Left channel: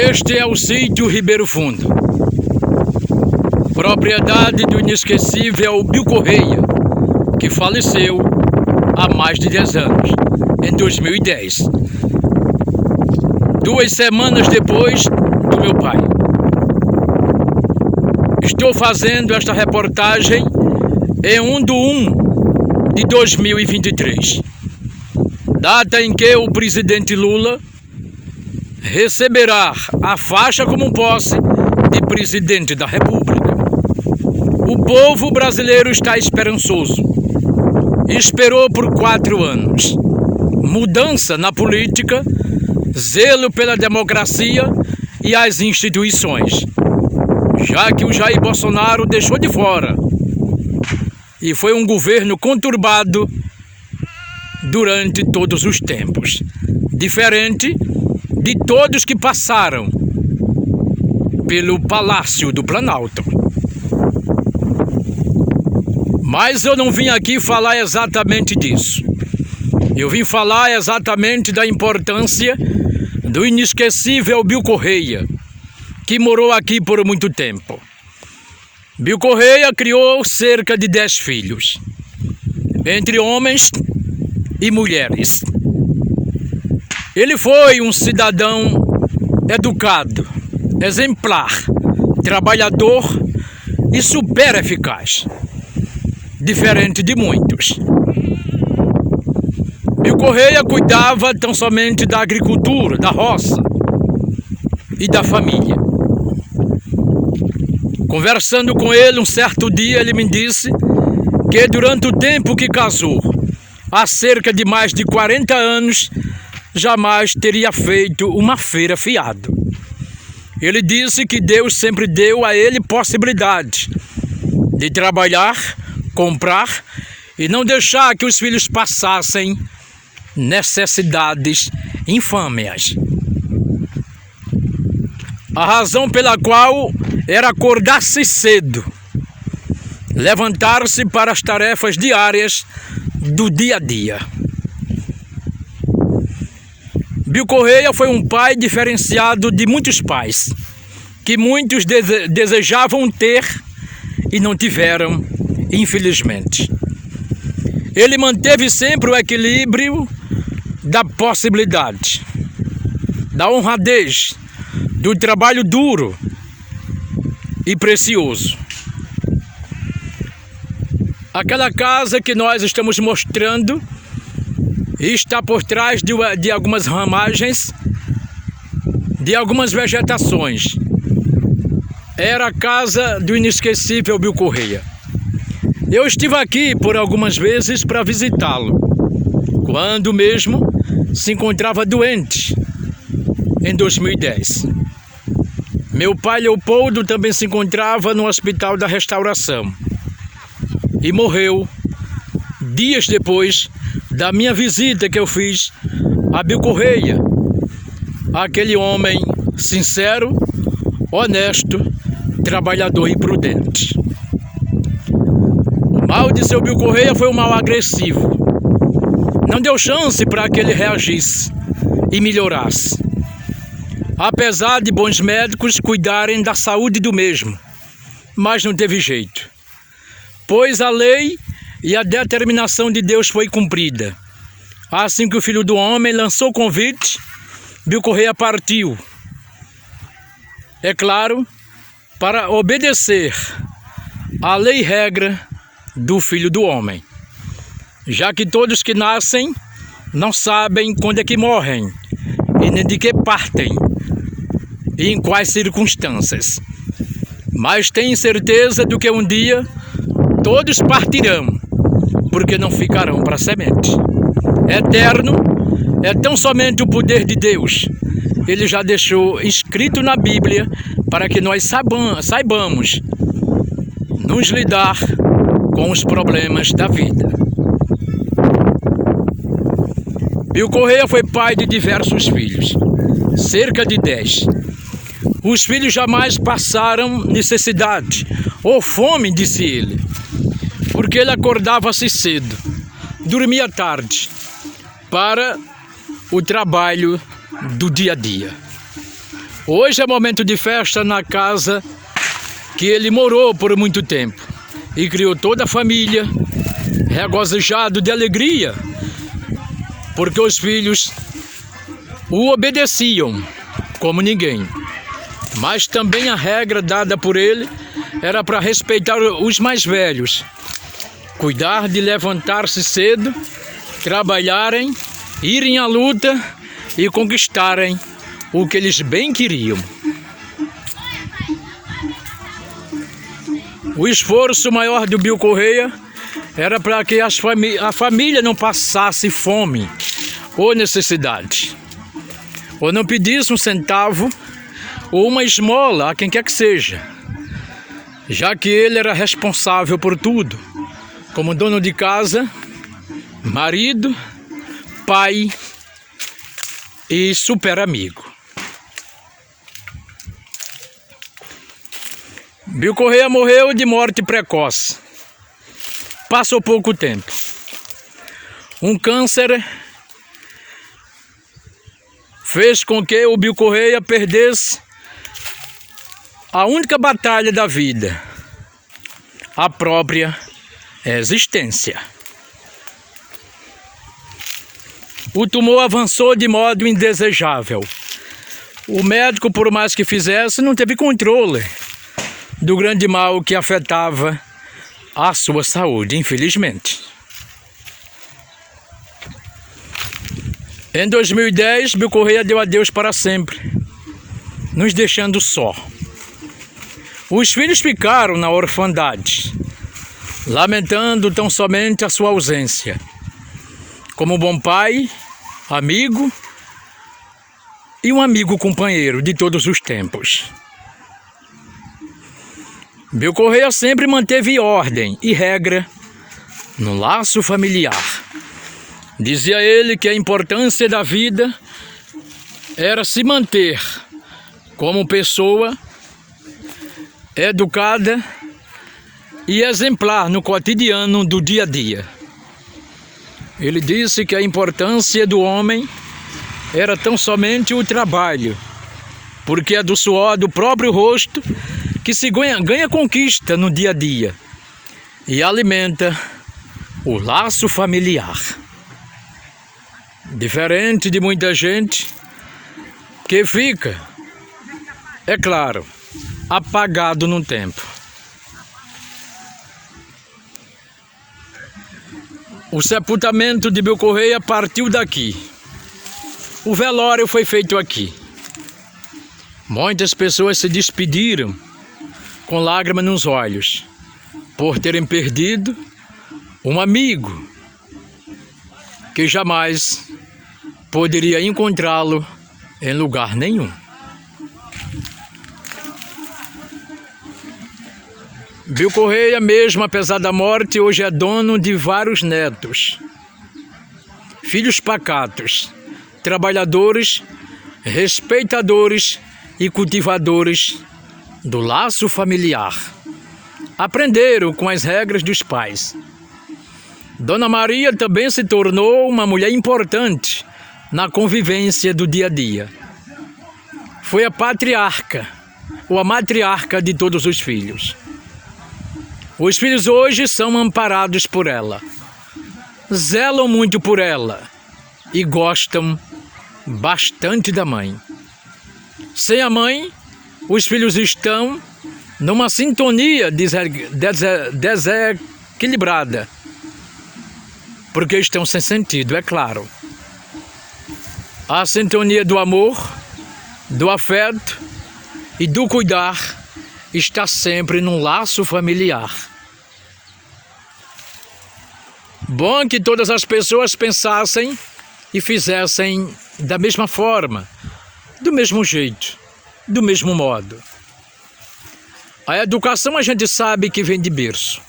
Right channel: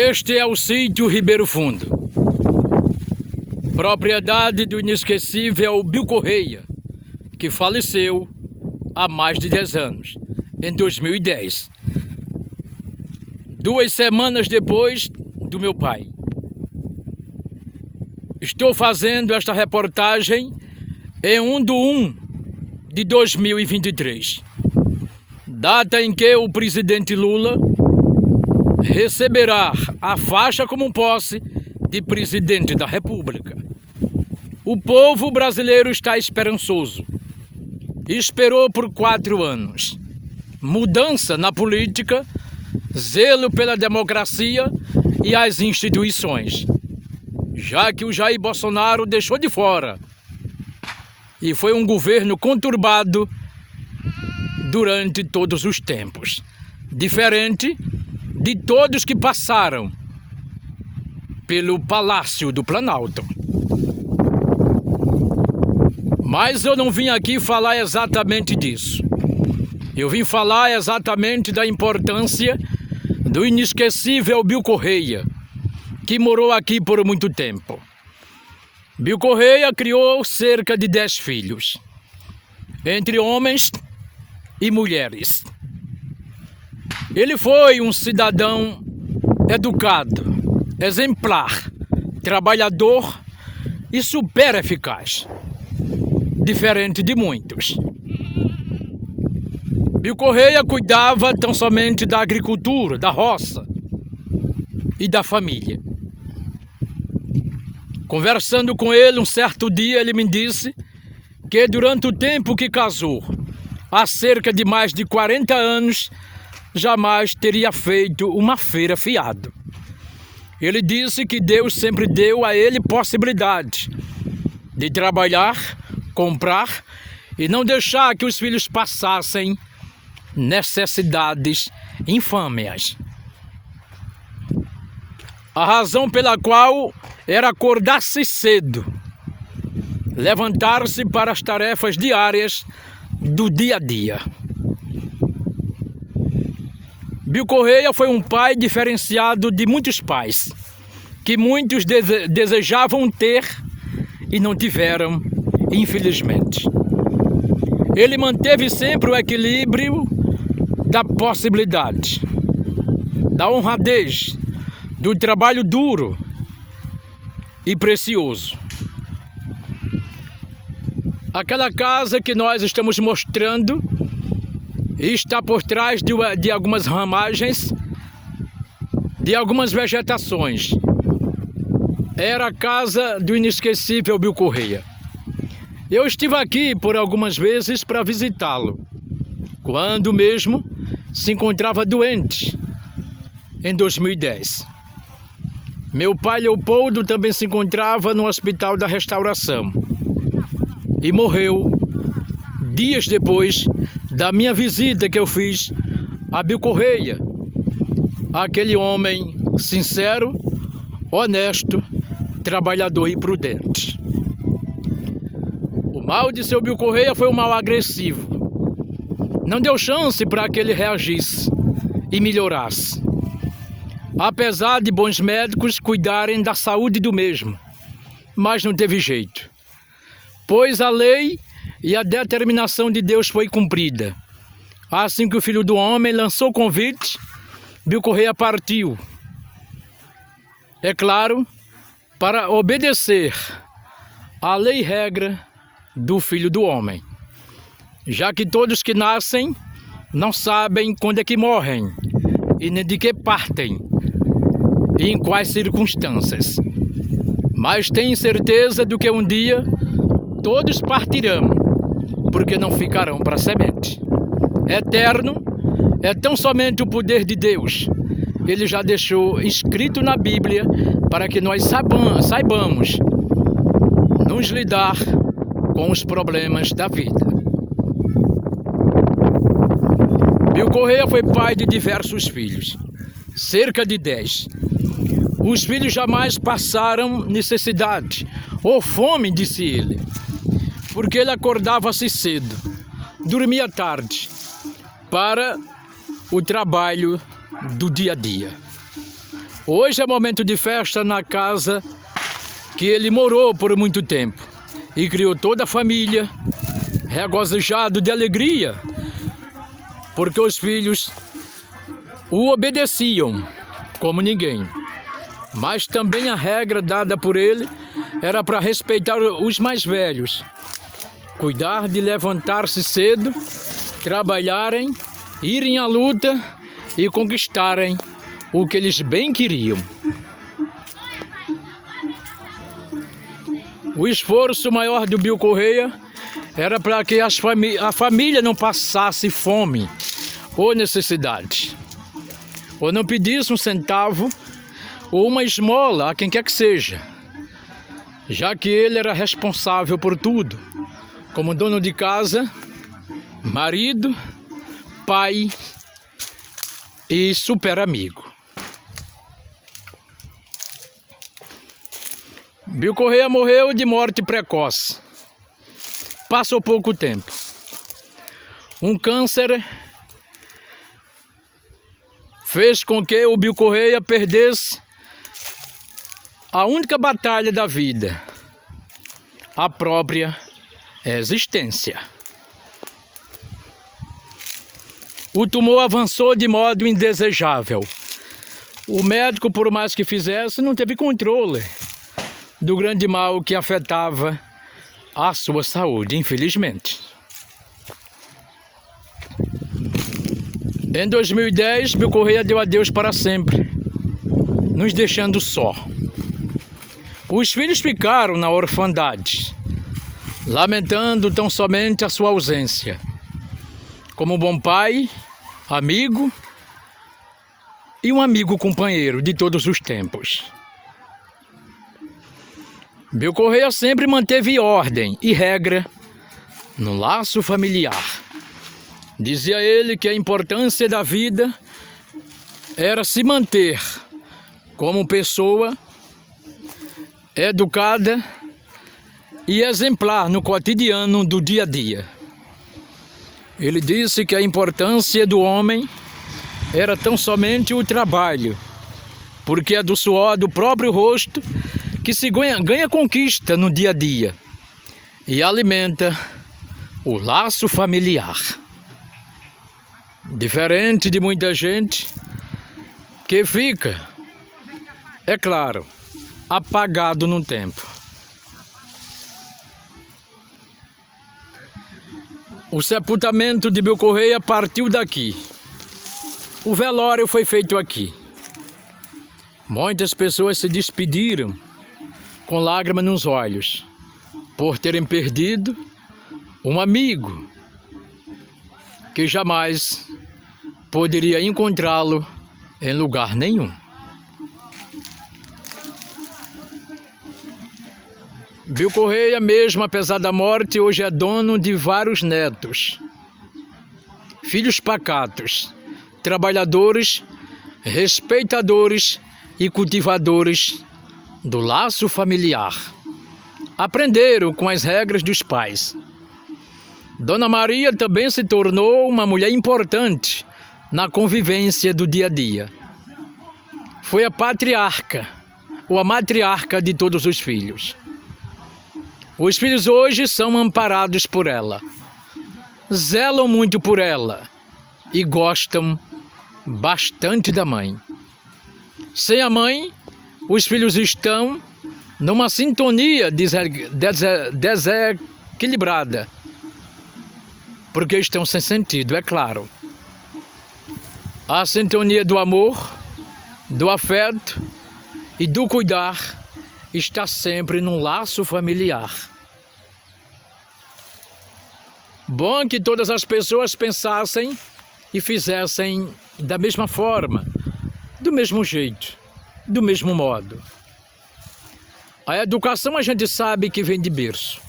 Este é o sítio Ribeiro Fundo, propriedade do inesquecível Bill Correia, que faleceu há mais de 10 anos, em 2010, 2 semanas depois do meu pai. Estou fazendo esta reportagem em 1/1 de 2023, data em que o presidente Lula receberá a faixa como posse de presidente da República. O povo brasileiro está esperançoso. Esperou por 4 anos. Mudança na política, zelo pela democracia e as instituições, já que o Jair Bolsonaro deixou de fora. E foi um governo conturbado durante todos os tempos, diferente de todos que passaram pelo Palácio do Planalto. Mas eu não vim aqui falar exatamente disso. Eu vim falar exatamente da importância do inesquecível Bill Correia, que morou aqui por muito tempo. Bill Correia criou cerca de 10 filhos, entre homens e mulheres. Ele foi um cidadão educado, exemplar, trabalhador e super eficaz, diferente de muitos. Bill Correia cuidava tão somente da agricultura, da roça e da família. Conversando com ele um certo dia, ele me disse que durante o tempo que casou, há cerca de mais de 40 anos, jamais teria feito uma feira fiado. Ele disse que Deus sempre deu a ele possibilidade de trabalhar, comprar e não deixar que os filhos passassem necessidades infâmias. A razão pela qual era acordar-se cedo, levantar-se para as tarefas diárias do dia a dia. Bill Correia foi um pai diferenciado de muitos pais, que muitos desejavam ter e não tiveram, infelizmente. Ele manteve sempre o equilíbrio da possibilidade, da honradez, do trabalho duro e precioso. Aquela casa que nós estamos mostrando está por trás de algumas ramagens, de algumas vegetações. Era a casa do inesquecível Bill Correia. Eu estive aqui por algumas vezes para visitá-lo, quando mesmo se encontrava doente, em 2010. Meu pai Leopoldo também se encontrava no Hospital da Restauração e morreu dias depois da minha visita que eu fiz a Bill Correia, aquele homem sincero, honesto, trabalhador e prudente. O mal de seu Bill Correia foi um mal agressivo. Não deu chance para que ele reagisse e melhorasse, apesar de bons médicos cuidarem da saúde do mesmo, mas não teve jeito, pois a lei e a determinação de Deus foi cumprida. Assim que o Filho do Homem lançou o convite, Bill Correia partiu. É claro, para obedecer à lei e regra do Filho do Homem, já que todos que nascem não sabem quando é que morrem e nem de que partem e em quais circunstâncias, mas têm certeza de que um dia todos partirão, porque não ficarão para semente. Eterno é tão somente o poder de Deus. Ele já deixou escrito na Bíblia para que nós saibamos nos lidar com os problemas da vida. Bill Correia foi pai de diversos filhos, cerca de 10. Os filhos jamais passaram necessidade ou fome, disse ele, porque ele acordava-se cedo, dormia tarde, para o trabalho do dia a dia. Hoje é momento de festa na casa que ele morou por muito tempo e criou toda a família, regozijado de alegria, porque os filhos o obedeciam como ninguém. Mas também a regra dada por ele era para respeitar os mais velhos, cuidar de levantar-se cedo, trabalharem, irem à luta e conquistarem o que eles bem queriam. O esforço maior do Bill Correia era para que a família não passasse fome ou necessidade, ou não pedisse um centavo ou uma esmola a quem quer que seja, já que ele era responsável por tudo, como dono de casa, marido, pai e super amigo. Bill Correia morreu de morte precoce. Passou pouco tempo. Um câncer fez com que o Bill Correia perdesse a única batalha da vida, a própria existência. O tumor avançou de modo indesejável. O médico, por mais que fizesse, não teve controle do grande mal que afetava a sua saúde, infelizmente. Em 2010, Bill Correia deu adeus para sempre, nos deixando só. Os filhos ficaram na orfandade, lamentando tão somente a sua ausência. Como bom pai, amigo e um amigo companheiro de todos os tempos. Bill Correia sempre manteve ordem e regra no laço familiar. Dizia ele que a importância da vida era se manter como pessoa educada e exemplar no cotidiano do dia a dia. Ele disse que a importância do homem era tão somente o trabalho, porque é do suor do próprio rosto que se ganha conquista no dia a dia e alimenta o laço familiar. Diferente de muita gente que fica, é claro, apagado no tempo. O sepultamento de Bill Correia partiu daqui. O velório foi feito aqui. Muitas pessoas se despediram com lágrimas nos olhos, por terem perdido um amigo que jamais poderia encontrá-lo em lugar nenhum. Bill Correia, mesmo apesar da morte, hoje é dono de vários netos, filhos pacatos, trabalhadores, respeitadores e cultivadores do laço familiar. Aprenderam com as regras dos pais. Dona Maria também se tornou uma mulher importante na convivência do dia a dia. Foi a patriarca ou a matriarca de todos os filhos. Os filhos hoje são amparados por ela, zelam muito por ela e gostam bastante da mãe. Sem a mãe, os filhos estão numa sintonia desequilibrada, porque estão sem sentido, é claro. A sintonia do amor, do afeto e do cuidar está sempre num laço familiar. Bom que todas as pessoas pensassem e fizessem da mesma forma, do mesmo jeito, do mesmo modo. A educação a gente sabe que vem de berço.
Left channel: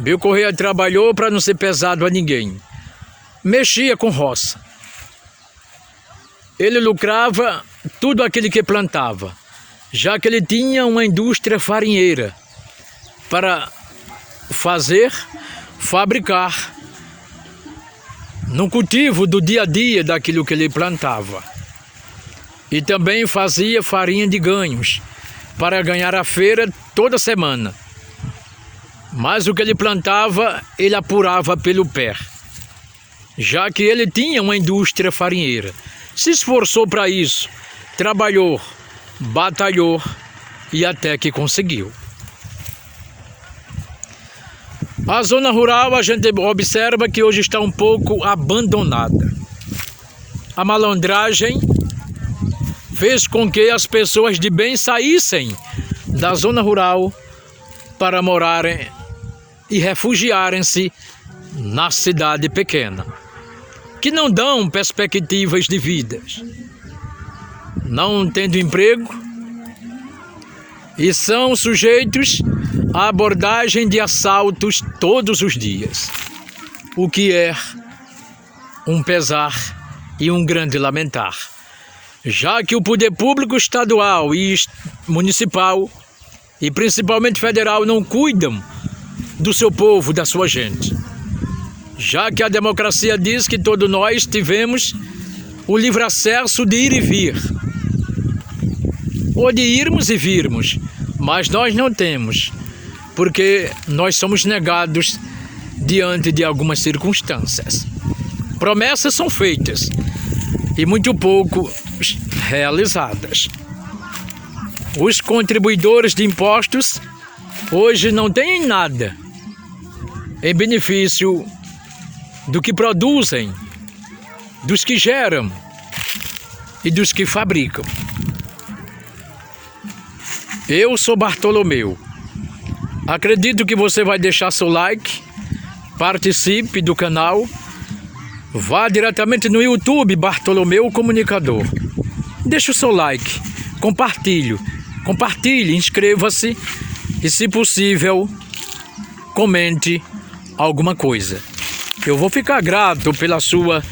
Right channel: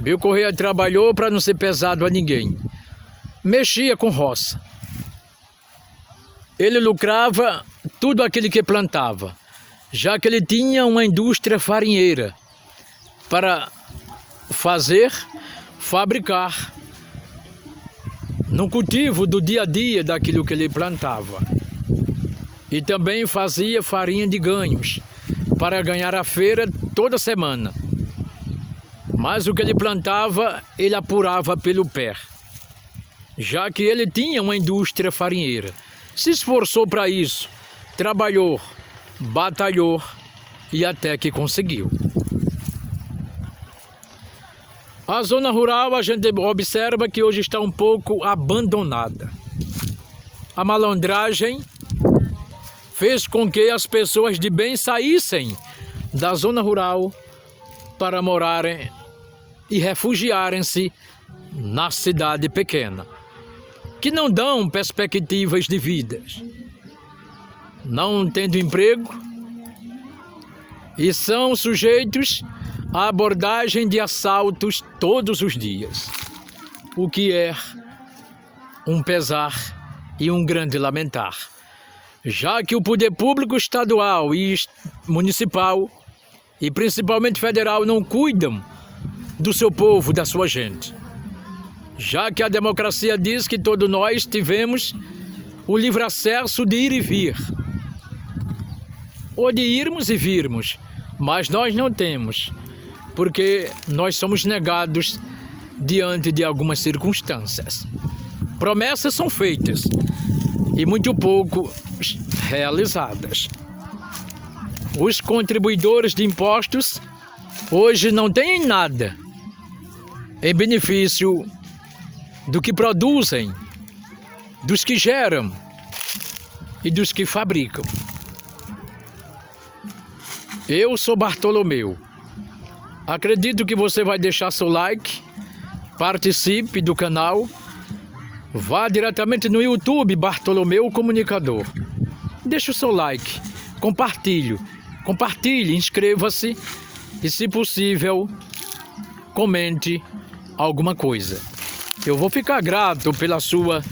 Bill Correia trabalhou para não ser pesado a ninguém. Mexia com roça. Ele lucrava tudo aquilo que plantava, já que ele tinha uma indústria farinheira para fabricar no cultivo do dia a dia daquilo que ele plantava. e também fazia farinha de ganhos para ganhar a feira toda semana. Mas o que ele plantava, ele apurava pelo pé, já que ele tinha uma indústria farinheira. Se esforçou para isso, trabalhou, batalhou e até que conseguiu. A zona rural, a gente observa que hoje está um pouco abandonada. A malandragem fez com que as pessoas de bem saíssem da zona rural para morarem e refugiarem-se na cidade pequena, que não dão perspectivas de vida, não tendo emprego, e são sujeitos à abordagem de assaltos todos os dias, o que é um pesar e um grande lamentar, já que o poder público estadual e municipal, e principalmente federal, não cuidam do seu povo, da sua gente, já que a democracia diz que todos nós tivemos o livre acesso de ir e vir, ou de irmos e virmos, mas nós não temos, porque nós somos negados diante de algumas circunstâncias. Promessas são feitas e muito pouco realizadas. Os contribuidores de impostos hoje não têm nada em benefício do que produzem, dos que geram e dos que fabricam. Eu sou Bartolomeu. Acredito que você vai deixar seu like, participe do canal, vá diretamente no YouTube Bartolomeu Comunicador. Deixe o seu like, compartilhe, inscreva-se e, se possível, comente alguma coisa. Eu vou ficar grato pela sua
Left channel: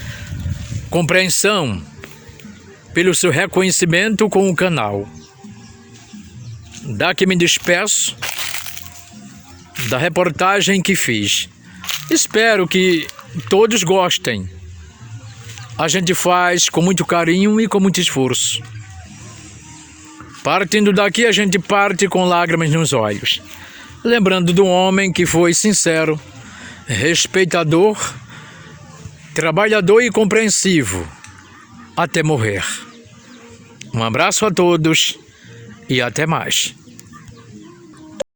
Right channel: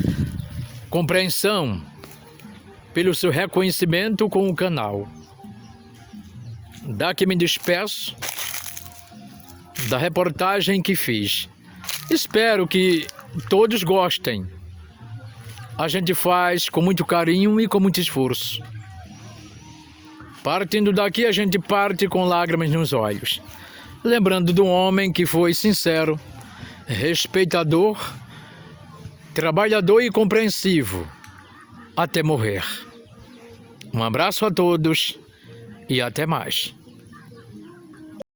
compreensão, pelo seu reconhecimento com o canal. Daqui me despeço da reportagem que fiz. Espero que todos gostem. A gente faz com muito carinho e com muito esforço. Partindo daqui, a gente parte com lágrimas nos olhos, lembrando de um homem que foi sincero, respeitador, trabalhador e compreensivo até morrer. Um abraço a todos e até mais.